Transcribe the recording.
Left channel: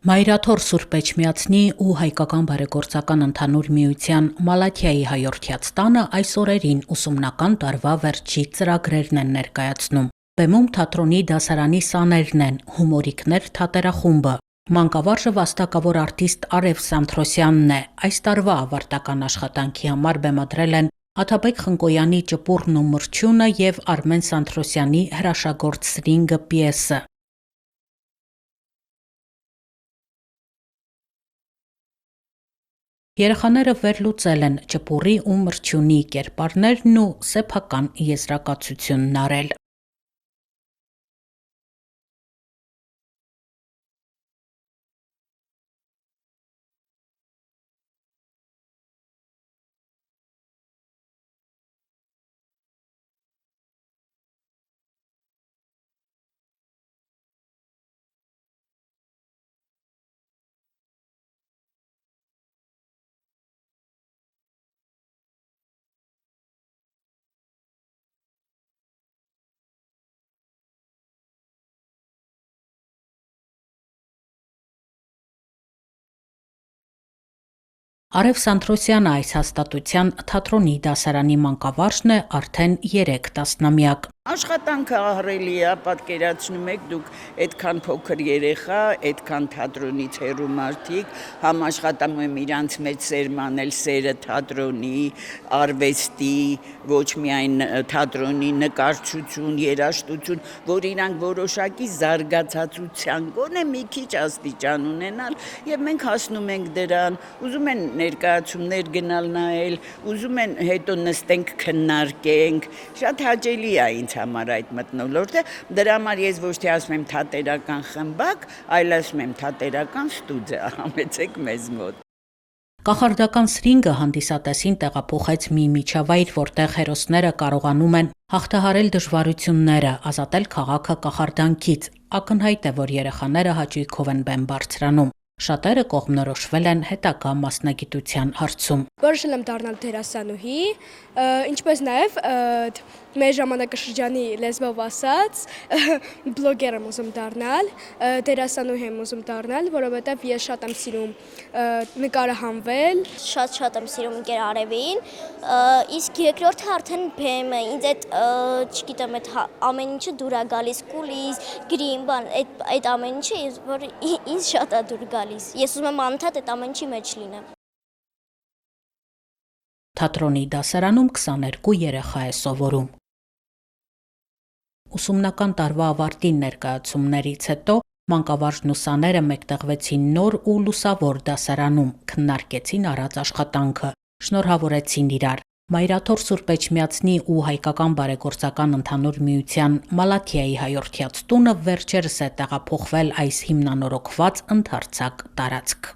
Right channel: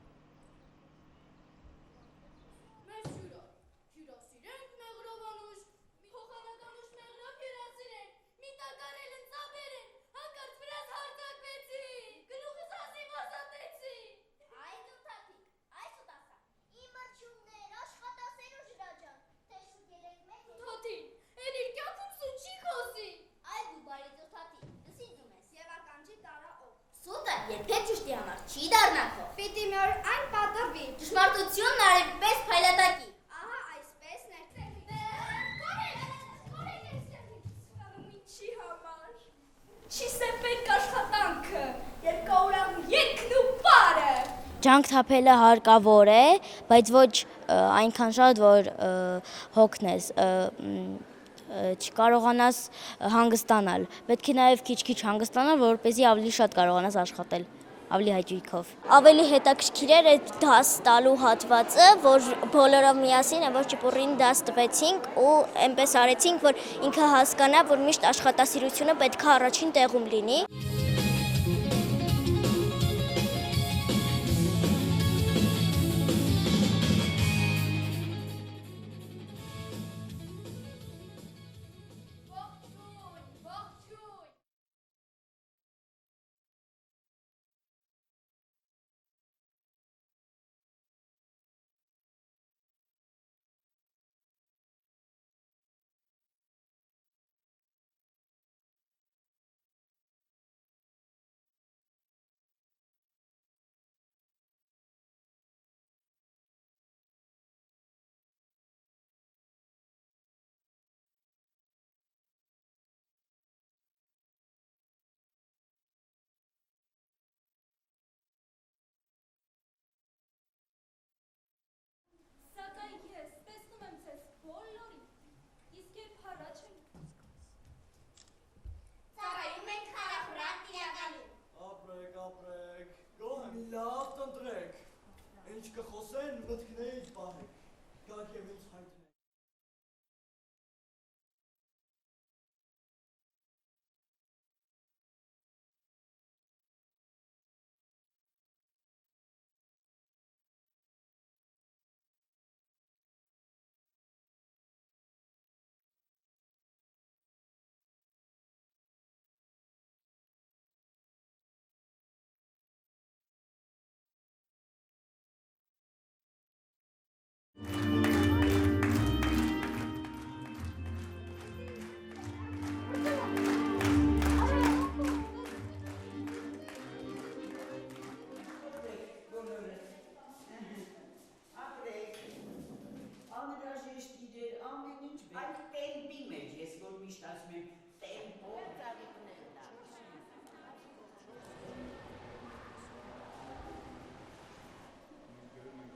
Մայրաթոր Սուրբ Էջմիածնի ու հայկական բարեգործական ընդհանուր միության Մալաթիայի հայորդյաց տանը այս օրերին ուսումնական տարվա վերջի ծրագրերն են ներկայացնում։ Բեմում թատրոնի դասարանի սաներն են, հումորիկներ թատերախումբը։ Մանկավարժը վաստակավոր արտիստ Արև Սանթրոսյանն է։ Այս տարվա ավարտական աշխատանքի համար բեմադրել են Աթաբեկ Խնկոյանի Ճպուռն ու մրջյունը եւ Արմեն Սանթրոսյանի հրաշագործ Սրինգը պիեսը։ Երեխաները վերլուծել են ճպուռի ու մրջյունի կերպարներն ու սեփական եզրակացությունն արել։ Չի սեփեք աշխատանքը, երկու օրամ եկն ու պարը։ Ջանք թափելը հարկավոր է, բայց ոչ այնքան շատ, որ հոգնես, չկարողանաս հանգստանալ։ Պետք է նաև քիչ-քիչ հանգստանալ, որպեսզի ավելի շատ կարողանաս աշխատել, ավելի հաճույքով։ Ավելի հետաքրքիր էր այդ դաս տալու հատվածը, որ բոլորով միասին որ ճպուռին դաս տվեցինք ու այնպես արեցինք, որ ինքը հասկանա, որ միշտ աշխատասիրությունը պետք է առաջին տեղում լինի։ Արև Սանթրոսյանը այս հաստատության թատրոնի դասարանի մանկավարժն է արդեն 3 տասնամյակ։ Աշխատանքը ահռելի է, պատկերացնում եք դուք այդքան փոքր երեխա, այդքան թատրոնից հեռու մարդիկ, համաշխատում եմ իրանց մեջ սերմանել սերը թատրոնի, արվեստի, ոչ միայն թատրոնի նկարչություն, երաժշտություն, որ իրանք որոշակի զարգացածության գոնե մի քիչ աստիճան ունենալ, եւ մենք հասնում ենք դրան, ուզում են ներկայացումներ գնալ նայել, ուզում են հետո նստենք քննարկենք, շատ հաճելի է ինձ համար այդ մթնոլորտը, դրա համար ես ոչ թե ասում եմ թատերական խմբակ, այլ ասում եմ թատերական ստուդիա, համեցեք մեզ մոտ։ Կախարդական Սրինգը հանդիսատեսին տեղափոխեց մի միջավայր, որտեղ հերոսները կարողանում են հաղթահարել դժվարությունները, ազատել քաղաքը կախարդանքից։ Ակնհայտ է, որ երեխաները հաճույքով են բեմ բարձրանում։ Շատերը կողմնորոշվել են հետագա մասնագիտության հարցում։ Որոշել եմ դառնալ դերասանուհի, ինչպես նաև մեր ժամանակաշրջանի լեզվով ասած, բլոգեր եմ ուզում դառնալ, դերասանուհի եմ ուզում դառնալ, որովհետև ես շատ եմ սիրում նկարահանվել, Շատ եմ սիրում ընկեր Արևին, իսկ երկրորդը արդեն բեմը, ինձ այդ, չգիտեմ, այդ ամեն ինչը դուր է գալիս, կուլիս, գրիմ, բան, այդ ամեն ինչը, որ ինձ շատ է դուր գալիս, ես ուզում եմ անընդհատ այդ ամեն ինչի մեջ լինեմ։ Թատրոնի դասարանում 22 երեխա է սովորում։ Ուսումնական տարվա ավարտին ներկայացումներից հետո մանկավարժն ու սաները մեկտեղվեցին նոր ու լուսավոր դասարանում, քննարկեցին առած աշխատանքը, շնորհավորեցին իրար։ Մայրաթոր Սուրբ Էջմիածնի ու հայկական բարեգործական ընդհանուր միության Մալաթիայի հայորդյաց տունը վերջերս է տեղափոխվել այս հիմնանորոգված ընդարձակ տարածք։